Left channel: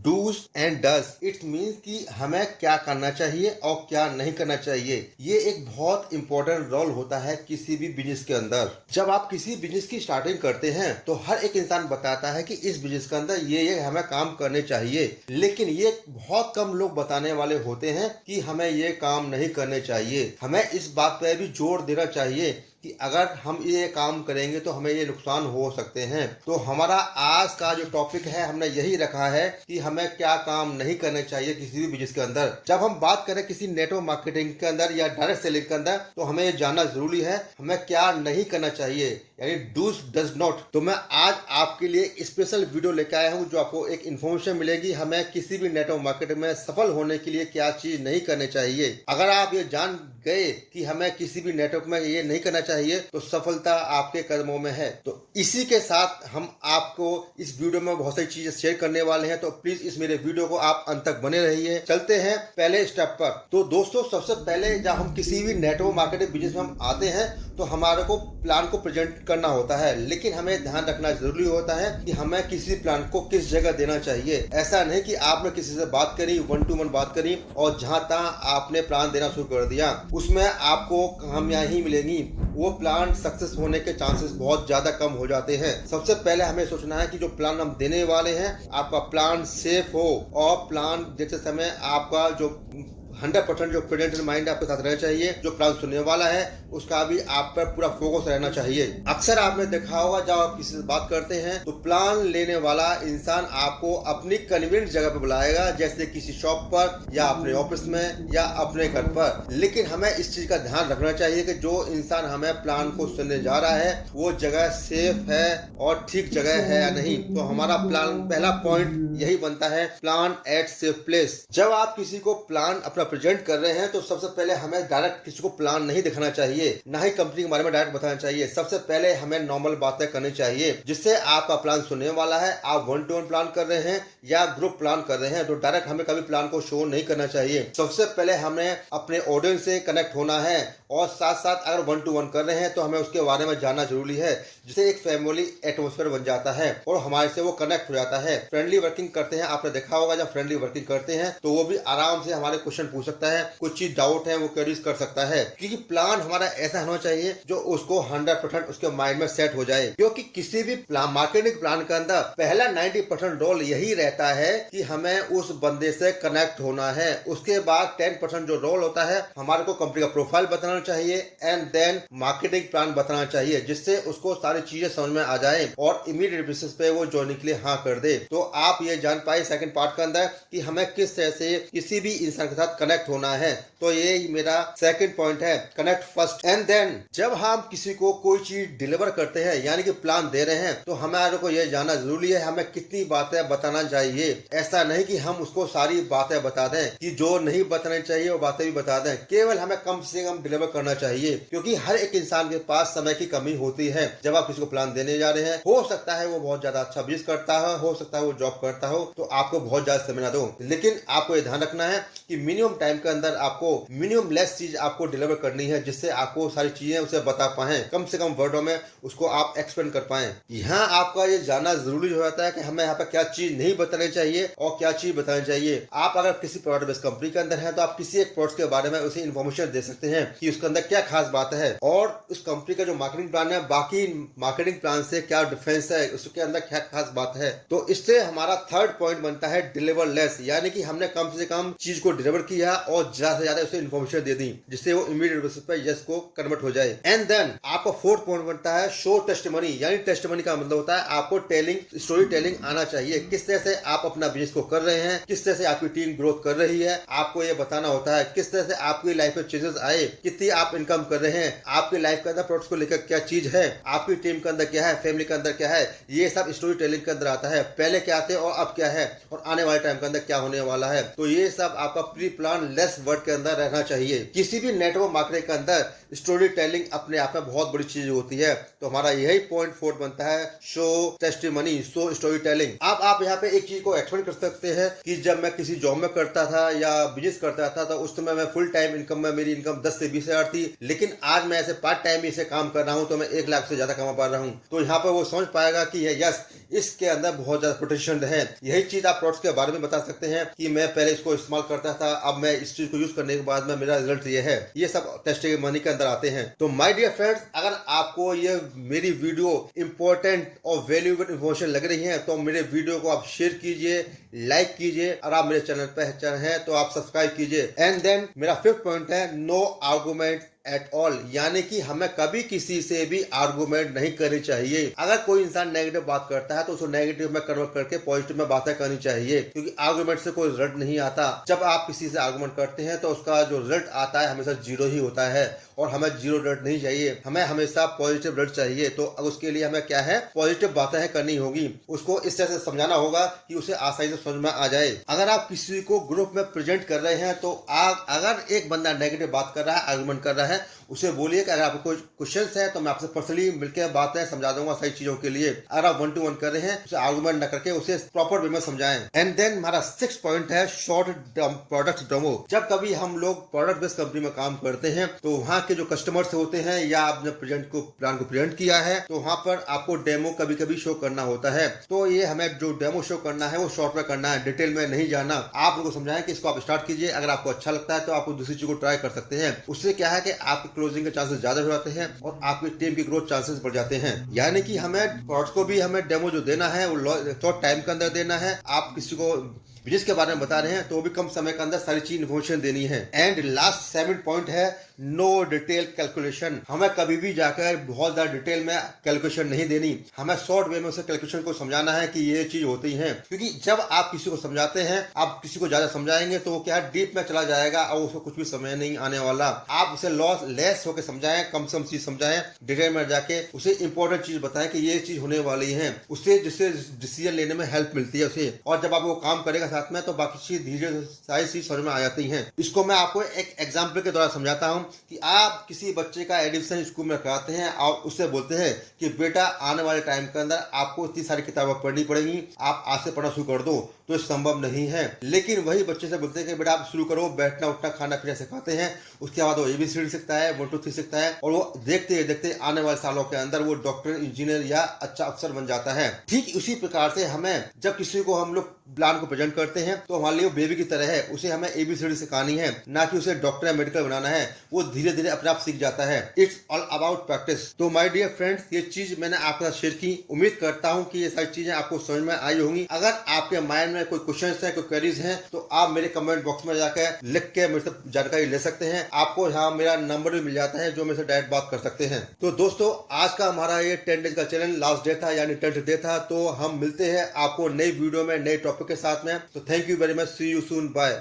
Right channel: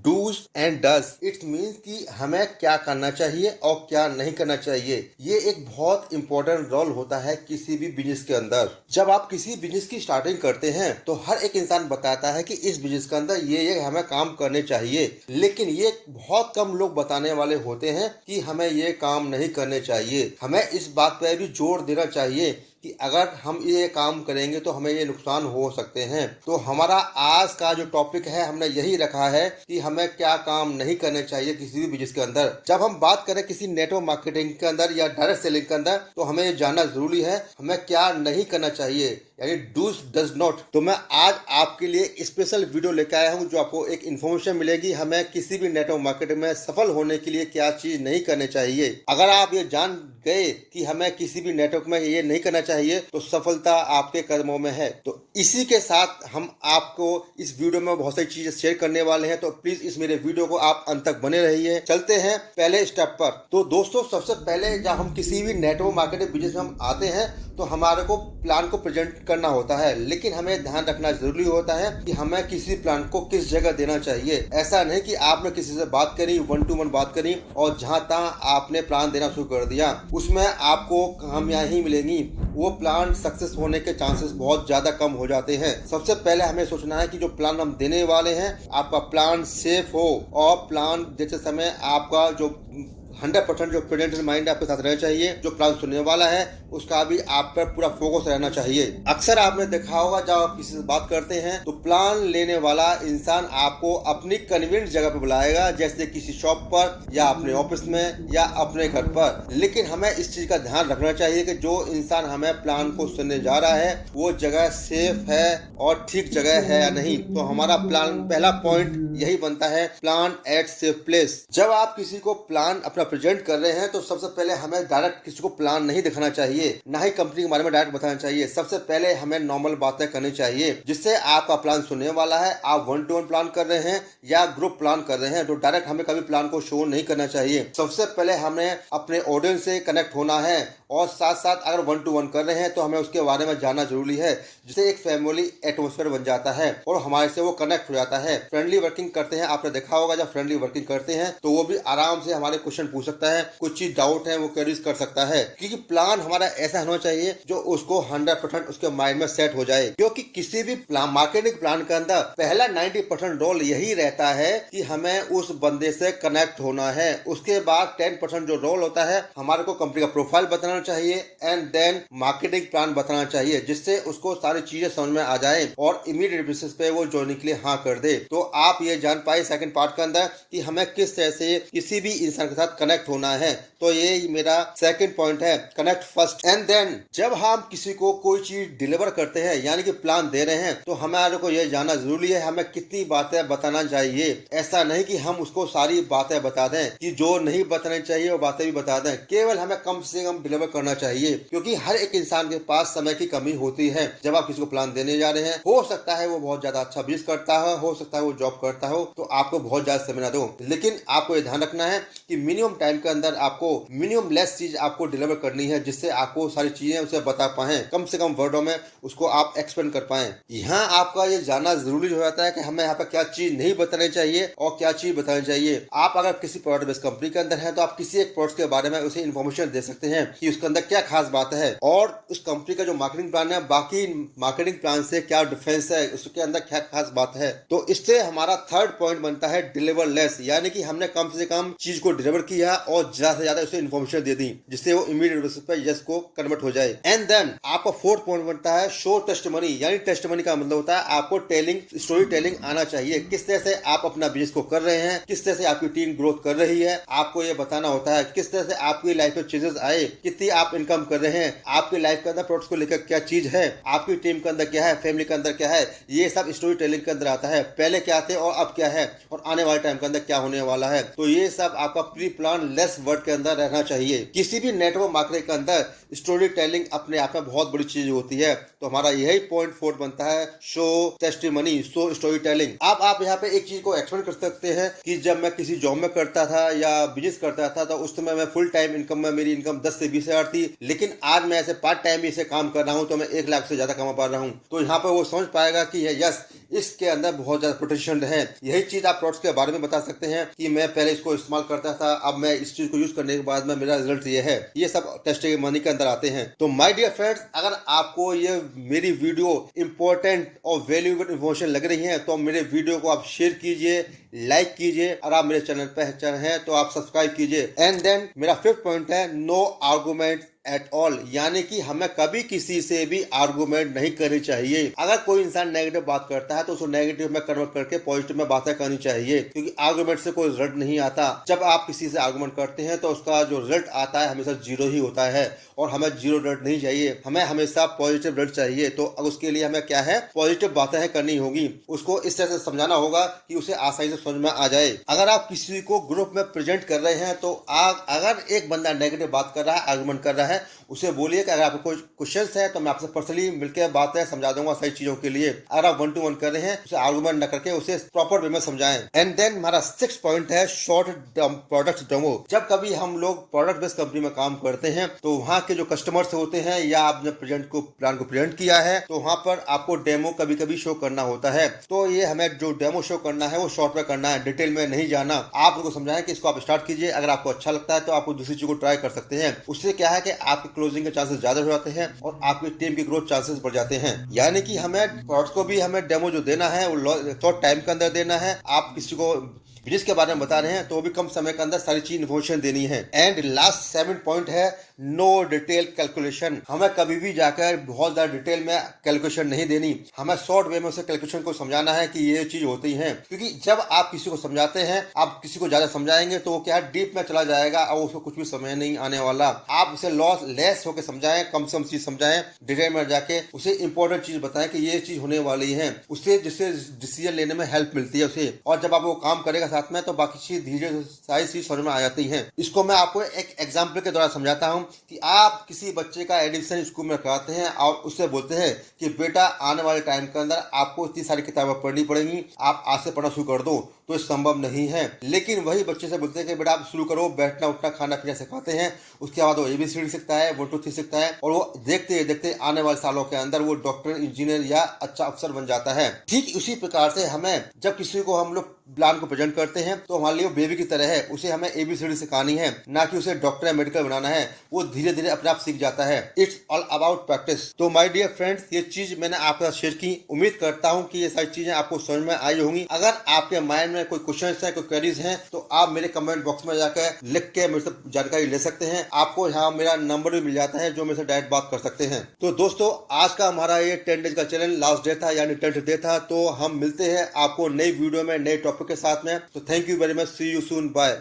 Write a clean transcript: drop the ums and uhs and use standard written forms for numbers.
Dos and does it means कि हमें क्या करना चाहिए और क्या नहीं करना चाहिए। ये एक बहुत इंपॉर्टेंट रोल होता है किसी भी बिजनेस के अंदर। जब आप किसी बिजनेस की स्टार्टिंग करते हैं तो हर एक इंसान बताता है कि इस बिजनेस के अंदर ये हमें काम करने चाहिए, लेकिन ये बहुत कम लोग बताने वाले होते हैं कि हमें ये काम नहीं करने चाहिए। हमें इस बात पर भी जोर देना चाहिए कि अगर हम ये काम करेंगे तो हमें ये नुकसान हो सकते हैं। तो हमारा आज का जो टॉपिक है हमने यही रखा है कि हमें क्या काम नहीं करने चाहिए किसी भी बिजनेस के अंदर। जब हम बात करें किसी नेटवर्क मार्केटिंग के अंदर या डायरेक्ट सेलिंग के अंदर तो हमें ये जानना जरूरी है हमें क्या नहीं करना चाहिए, यानी डूज डज नॉट। तो मैं आज आपके लिए स्पेशल वीडियो लेकर आया हूँ जो आपको एक इन्फॉर्मेशन मिलेगी हमें किसी भी नेटवर्क मार्केटिंग में सफल होने के लिए क्या चीज नहीं करनी चाहिए। अगर आप ये जान गए कि हमें किसी भी नेटवर्क में ये नहीं करना चाहिए तो सफलता आपके कदमों में है। तो इसी के साथ हम आपको इस वीडियो में बहुत सारी चीजें शेयर करने वाले हैं, तो प्लीज इस मेरे वीडियो को आप अंत तक बने रहिए। चलते हैं पहले स्टेप पर। तो दोस्तों सबसे पहले जब हम किसी भी नेटवर्क मार्केटिंग बिजनेस में हम आते हैं तो हमारे को प्लान को प्रेजेंट करना होता है, लेकिन हमें ध्यान रखना जरूरी होता है कि हमें किसी प्लान को किस जगह देना चाहिए। ऐसा नहीं कि आपने किसी से बात करी, 1 to 1 बात करी और जहां तहां आपने प्लान देना शुरू कर दिया, उसमें आपको कामयाबी ही मिलेगी। वो प्लान सक्सेस होने के चांसेस बहुत ज्यादा कम हो जाते हैं। सबसे पहले हमें सोचना है कि जो प्लान हम देने वाले हैं आपका प्लान सेफ हो और प्लान देते समय आपका जो 100% जो प्रेजेंट माइंड आपके साथ रहना चाहिए। जो प्लान सुनने वाला है उसका भी आप पर पूरा फोकस रहना चाहिए। अक्सर आपने देखा होगा जब आप किसी से बात करते हैं तो प्लान लेने वाला इंसान आपको अपनी कन्वीनियंट जगह पर बुलाएगा, जैसे किसी शॉप पर या अपने ऑफिस में या अपने घर पर। लेकिन हमें इस चीज का ध्यान रखना चाहिए कि जो इंसान हमें प्लान को सुनने जा रहा है वो जगह सेफ है और ठीक जगह है या नहीं। तो हमारा प्लान पहला पॉइंट यही बनता है, प्लान एट सेफ प्लेस। जब आप किसी को प्लान अपना प्रेजेंट कर रहे हैं तो सबसे पहले हमें डायरेक्ट किसी को प्लान नहीं दिखाना चाहिए, ना ही कंपनी के बारे में डायरेक्ट बताना चाहिए। सबसे पहले हमें नॉर्मल बातें करनी चाहिए जिससे आपका प्लान सुनने वाला है। आप 1 to 1 प्लान कर रहे हैं या ग्रुप प्लान कर रहे हैं तो डायरेक्ट हमें कभी प्लान को शो नहीं करना चाहिए। सबसे पहले हमें अपने ऑडियंस से कनेक्ट होना है और साथ साथ अगर 1 to 1 कर रहे हैं तो हमें उसके बारे में जानना जरूरी है, जिससे एक फैमिली एटमोस्फेयर बन जाता है और हमारे से वो कनेक्ट हो जाता है। फ्रेंडली वर्किंग करते हैं, आपने देखा होगा जब फ्रेंडली वर्किंग करते हैं तो वो भी आराम से हमारे क्वेश्चन पूछ सकता है, कुछ चीज डाउट है वो क्वेरीज कर सकता है। क्योंकि प्लान हमारा ऐसा होना चाहिए जो उसको 100% उसके माइंड में सेट हो जाए। क्योंकि किसी भी प्लान मार्केटिंग प्लान के अंदर पहला 90% रोल यही रहता है कि हमें उस बंदे से कनेक्ट होना है। उसके बाद 10% जो रोल होता है हमारे को कंपनी का प्रोफाइल बताना चाहिए एंड देन मार्केटिंग प्लान बताना चाहिए, जिससे उसको सारी चीजें समझ में आ जाए और इमीडिएट बेसिस पे वो ज्वाइनिंग के लिए हाँ कर दे। तो आप ये जान पाए सेकंड पार्ट के अंदर कि हमें किस तरह से किसी भी इंसान के साथ कनेक्ट होना है। तो ये मेरा सेकंड पॉइंट है, कनेक्ट फर्स्ट एंड देन। जब हम किसी को कोई चीज डिलीवर करते हैं यानी कि प्लान दे रहे हैं तो हमारे को ये जानना जरूरी है हमें कितनी बातें बताना चाहिए। ऐसा नहीं कि हम उसको सारी बातें बता दें, कि जो नहीं बतानी चाहिए वो बातें भी बता दें। केवल हमें कम से कम डिलीवर करना चाहिए, क्योंकि हर एक इंसान के पास समय की कमी होती है। जब आप किसी को प्लान देने जा रहे हैं, हो सकता है वो बहुत ज्यादा अच्छा बिजनेस करता है, हो सकता है वो जॉब करता हो, तो आपको बहुत ज्यादा समय ना दो। लेकिन आपको ये ध्यान रखना है कि मिनिमम टाइम के अंदर आपको मिनिमम लेस चीज आपको डिलीवर करनी है, जिससे आपको सारी चीजें उसे बता पाए, कम से कम वर्डों में उसको आप एक्सप्लेन कर पाए। यहाँ आपका ये जानना जरूरी हो जाता है कि हमें यहाँ पर क्या चीज नहीं बतानी चाहिए और क्या चीज बतानी चाहिए। आप अगर किसी प्रोडक्ट बेस्ड कंपनी के अंदर है तो आप किसी एक प्रोडक्ट के बारे में उसे इन्फॉर्मेशन दे सकते हैं कि उसके अंदर क्या खास बात है और उस कंपनी का जो मार्केटिंग प्लान है बाकी मार्केटिंग प्लान से क्या डिफरेंस है, उसके अंदर क्या खास बात है। तो इससे हमारा थर्ड पॉइंट बनता है डिलीवर लेस, यानी कि हमने कम से कम चीज को डिलीवर किया और ज्यादा से ज्यादा उसे इन्फॉर्मेशन दे दी जिससे वो इमीडिएट बेसिस पे यस को कन्वर्ट हो जाए। एंड देन आपका फोर्थ पॉइंट बनता है शो टेस्टिमनी, यानी टेस्टिमनी का मतलब होता है आपको टेलिंग स्टोरी टेलिंग आना चाहिए। किस तरह से आप अपना बिजनेस को कर रहे हैं, किस तरह से आपकी टीम ग्रोथ कर रही है, आपको ये बताना होता है। किस तरह से आपकी लाइफ में चेंजेस आए, कितनी आप इनकम कर रहे हैं, आपकी लाइफ के अंदर प्रोडक्ट्स को लेकर क्या चीज है, आपकी टीम के अंदर क्या है, फैमिली के अंदर क्या है, ये सब स्टोरी टेलिंग के अंदर आता है। पहले क्या थे और अब क्या है और आने वाले टाइम के अंदर क्या होने वाला है। तो ये सब आपका pre plan plan less word के अंदर रहना चाहिए। किसी भी नेटवर्क मार्केटिंग के अंदर स्टोरी टेलिंग अपने आप में बहुत बड़ी चीज होती है। तो हमारा यही पॉइंट 4 बनता है, show testimony, show story telling. आप यहाँ पे एक चीज को एक्सप्लेन कर सकते हैं कि जब मैं किसी जॉब में करता था या बिजनेस करता था तो उस समय मैं फुल टाइम इनकम में मेरी इनकम 10 से 20 हजार थी, लेकिन आज मैं ऐसे पार्ट टाइम इसे काम कर रहा हूँ तो मैं 1 लाख से ज्यादा कमा पा रहा हूँ। तो यहाँ पे वो समझ पाएगा कि यस, इसके अंदर बहुत ज्यादा पोटेंशियल है। यही चीज आप प्रोडक्ट्स के बारे में बता सकते हैं कि मैं पहले इसको इस्तेमाल करता था, अब मैं इस चीज को यूज करने के बाद में मेरा रिजल्ट ये है। ये सब टेस्टिमनी के अंदर आते हैं। तो माय डियर फ्रेंड्स, अगर आपको ये मेरी वीडियो इंपॉर्टेंट और वैल्यूएबल इन्फॉर्मेशन लग रही है तो मेरे वीडियो को आप शेयर कीजिए, लाइक कीजिए, और आप मेरे चैनल पर हैं तो आप सब्सक्राइब कीजिए। एंड देन मेरा 5th पॉइंट है, नो आर्गुमेंट एट ऑल, यानी कि हमें कभी किसी से भी आर्गुमेंट नहीं करनी चाहिए। अगर कोई इंसान नेगेटिव बात करता है तो उसको नेगेटिव में कन्वर्ट करके पॉजिटिव में बातें करनी चाहिए, क्योंकि आर्गुमेंट से कोई रिजल्ट नहीं आता। जब आप किसी से आर्गुमेंट करते हैं तो उसका जो रिजल्ट आता है हमेशा 0 ही होता है, और हमें 0 रिजल्ट नहीं चाहिए, हमें हमेशा पॉजिटिव रिजल्ट चाहिए। तो अब उसके लिए हमें क्या है, पॉजिटिव बातें करनी होगी, उसको इस तरह से समझाना होगा कि उसे आसानी से समझ में आ जाए। अगर आप किसी को ग्रुप में प्रेजेंट कर रहे हैं तो अगर एक बंदा नेगेटिव बात कर रहा है, आर्गुमेंट कर रहा है, उसे बोलिए कि अगर आपको कोई क्वेश्चंस है तो मैं आपसे पर्सनली मिलकर बातें समझा दूंगा सही चीजों के लिए। अगर आप 1 to 1 कर रहे हैं उसे आर्गुमेंट न करके उसे प्रॉपर वे में समझाएं। एंड देन हमारा 6th पॉइंट है, शॉर्ट प्रोडक्ट डेमो। जब कभी हम लोग प्रोडक्ट बेस्ड कंपनी में काम करते हैं तो वहाँ के जो कस्टमर्स होते हैं या आपने प्लान को प्रेजेंट किया है तो वहाँ पर आपको डेमो कभी कभी शो करना होता है। तो ये हमें जो डेमो शो करना है वो शॉर्ट में करना है, डिटेल में नहीं जाना। आप उनको समझाएं कि इसको आप स्टार्ट कीजिए, अगर आपको अच्छा लगता है तो आप दूसरी चीज को ट्राई कर सकते हैं। उससे क्या है कि आपके क्लोजिंग के चांसेस ज्यादा हो जाते हैं और आपकी टीम की ग्रोथ चांसेस बढ़ जाते हैं। यानी कि हमें प्रोडक्ट को भी हमें डेमो जो देना है वो शॉर्ट टाइम के अंदर देना है। आप किसी को बिजनेस के बारे में बता रहे हैं तो भी कम समय के अंदर सारी चीज इन्फॉर्मेशन देनी है। एंड लास्ट 7th पॉइंट है, नो डिटेल कैलकुलेशन। हमें कभी भी जाकर बहुत ज्यादा डिटेल में कैलकुलेशन नहीं देनी, हमें शॉर्ट वे में उसे कैलकुलेशन को समझाना है कि ये चीज होती है। क्योंकि जब आप किसी को समझाते हैं, आप किसी को ज्यादा समझाएंगे तो वो क्या डीप में चला जाएगा और उसको कुछ भी समझ नहीं आने वाला। आप उसे लेस होकर समझाएं, कम से कम चीज समझाएं, डिटेल में जाके उसे इंपॉर्टेंट चीज बताएं कि ये चीज होने वाली है, उससे जिससे डिसीजन लेने में हेल्प मिलती है उसे। और जब आप वो काम करेगा साथ में तो बाकी चीज धीरे सारी चीज समझ में आ जाती है। इसको मैं आपको एक एग्जाम्पल के द्वारा समझाता हूँ कि आप किसी बच्चे का एडमिशन स्कूल में कराते हैं और उससे बोलते हैं कि बेटा आने वाले टाइम के अंदर आपको इतनी सारी किताबें पढ़नी पड़ेंगी, आप आज से पढ़ना शुरू कर दो। तो संभव नहीं है। लेकिन वही बच्चे से बोलते हैं कि बेटा आप शुरू करो, बैठना उठना खाना पीना सिखाते हैं, उसके बाद वो ABCD सीखता है, 1 2 3 सीखता है, और वो देखते देखते आने वाले सालों के अंदर वो डॉक्टर, इंजीनियर या अच्छा अफसर बन जाता है। ठीक उसी प्रकार से हमें जब किसी को हम लोग प्लान को प्रेजेंट करते हैं तो हमारे लिए वो बेबी की तरह है, उसे हमें ABCD सिखानी है, ना कि उसे डॉक्टर या मेडिकल बनाना है। वो धीरे धीरे अपने आप सीख जाता है। It's all about practice. तो माय डियर फ्रेंड्स, ये चीज मैंने आपके साथ शेयर की। उम्मीद करता हूँ कि ये सारी चीजें आपको समझ में आई होंगी। अगर आपके माइंड में कोई क्वेश्चन है, कोई क्वेरीज हैं, तो आप मेरे कमेंट बॉक्स में जाकर लिख के मेरे से जानकारी ले सकते हैं। आपको यहाँ मेरा नंबर भी मिल जाता है जो मेरे से डायरेक्ट बात कर सकते हैं। तो दोस्तों, आज का हमारा ये 10 डेज का चैलेंज लास्ट डे था, यानी 10th डे था। तो हम मिलते हैं आपको नई वीडियो में नए टॉपिक के साथ में। तो thank you very much, see you soon, bye.